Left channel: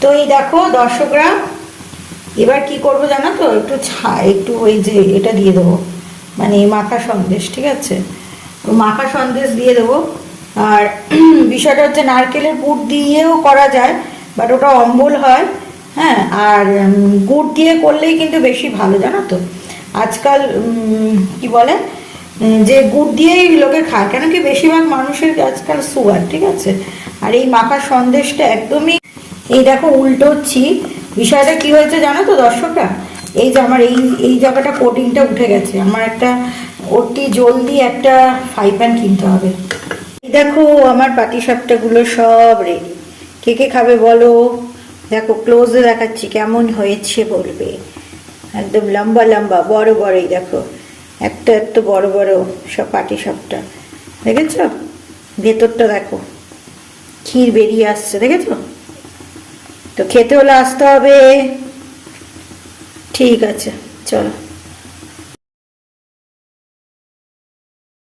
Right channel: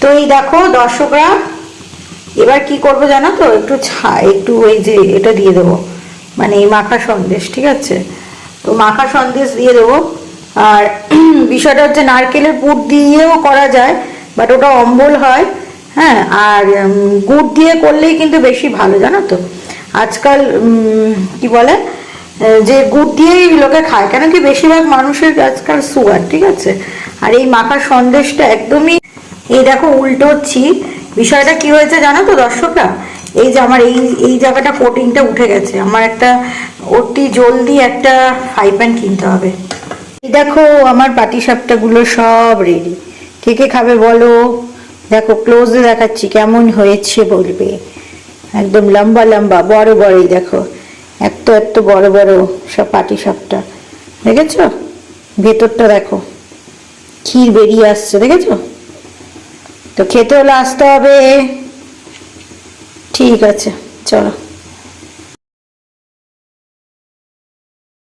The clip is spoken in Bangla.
তো এই দেখো দর্শকরা, এবার কি করব জানো তো? একটু ছা একটু ওই যে এটা দিয়ে দেবো। মানে মাখা সন্দেশ, ঠিক আছে? তো মাখা সন্দেশ দিয়ে দেবো। আর বিষয়টা হচ্ছে নারকেলের পুর দিয়েও করা যায় বাট ওটা অম্বল হয় হ্যাঁ? আর গুড় দিয়ে করলেই কিন্তু বেশি ভালো, জানো তো? আজকাল কি বলে? যে গুড় দিয়েই লোকে খায়, কেন কি বেশিরভাগ মানুষের আজকাল সুগার ঠিক আছে? আর এই মাখা সন্দেশটা একদমই এই দেখো উল্টোচ্ছি বিষয়টা কি হয়েছে জানো তো দর্শকরা? এই যে আমার এই এই জায়গাটা কোটিংটা উঠে গেছে। আমার একটা অতি জলদি একটা ফ্রাই প্যান কিনতে হবে। এই দেখো আমার পাটি গুলো সব রেডি কে কে খাবে বলো? দেখো ক্লোজে দেখাচ্ছি কেমন হয়েছে বলবে। একদম লম্বা লম্বা, বড় বড়ই দেখো। এত এত বড় বড় সব পাটি সাপটা। দেখেছ? ভেতরটা দেখো। ক্ষীর বেরিয়ে আসছে, দেখেছ? তো খেতে হলে আসতে হবে। ঠিক আছে চলো।